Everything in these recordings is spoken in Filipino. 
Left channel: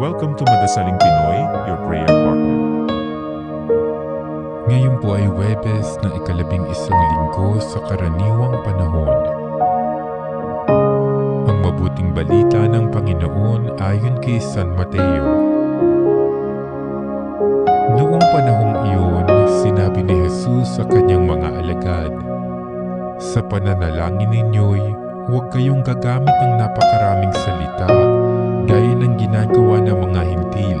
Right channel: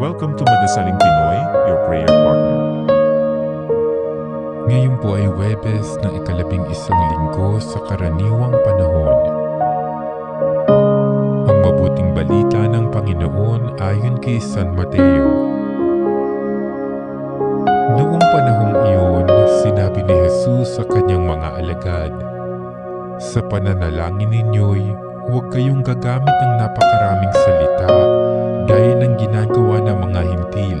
Welcome to Madasaling Pinoy, your prayer partner. Ngayon po ay Huwebes ng ika-11 linggo sa karaniwang panahon. Ang mabuting balita ng Panginoon ayon kay San Mateo. Noong panahong iyon, sinabi ni Jesus sa kanyang mga alagad, "Sa pananalangin ninyo'y huwag kayong gagamit ng napakaraming salita gaya ng ginagawa ng mga hintil.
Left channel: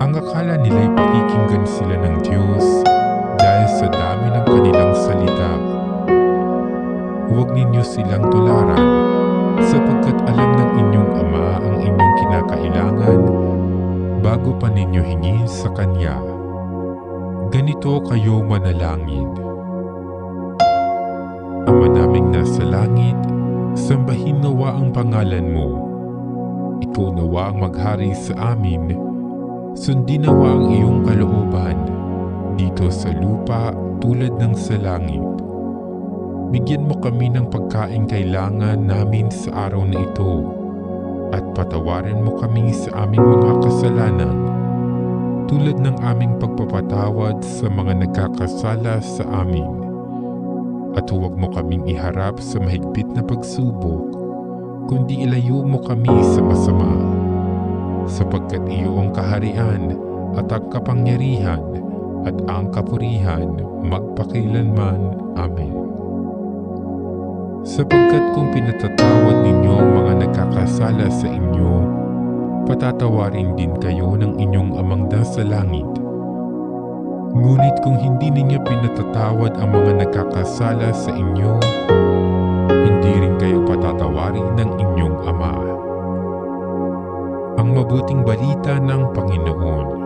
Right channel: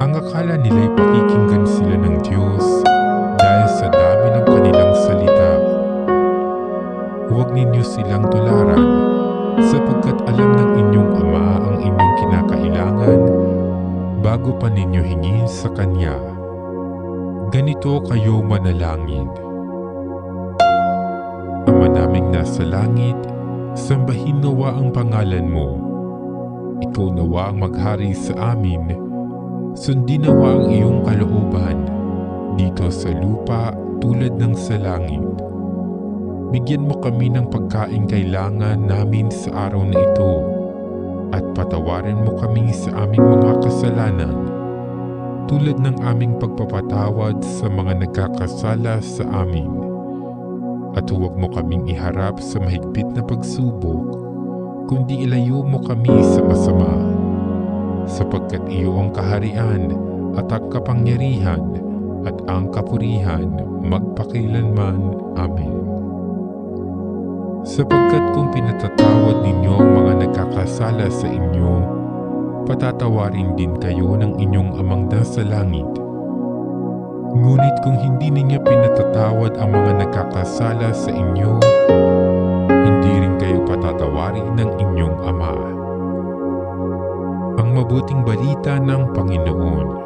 Ang akala nila'y pakikinggan sila ng Diyos dahil sa dami ng kanilang salita. Huwag ninyo silang tularan sapagkat alam ng inyong Ama ang inyong kinakailangan bago pa ninyo hingin sa Kanya. Ganito kayo manalangin. Ama naming nasa langit, sambahin nawa ang pangalan mo. Ikaw nawa ang maghari sa amin. Sundin nawa ang iyong kalooban dito sa lupa tulad ng sa langit. Bigyan mo kami ng pagkain kailangan namin sa araw na ito at patawarin mo kami sa aming mga kasalanan tulad ng aming pagpapatawad sa mga nagkakasala sa amin. At huwag mo kaming iharap sa mahigpit na pagsubok, kundi ilayo mo kami sa masama. Sapagkat iyo ang kaharian at ang kapangyarihan at ang kapurihan magpakailanman. Amen. Sapagkat kung pinatatawad ninyo ang mga nagkakasala sa inyo, patatawarin din kayo ng inyong Amang nasa langit. Ngunit kung hindi ninyo pinatatawad ang mga nagkakasala sa inyo, hindi rin kayo patatawarin ng inyong Ama. Ang mabuting balita ng Panginoon.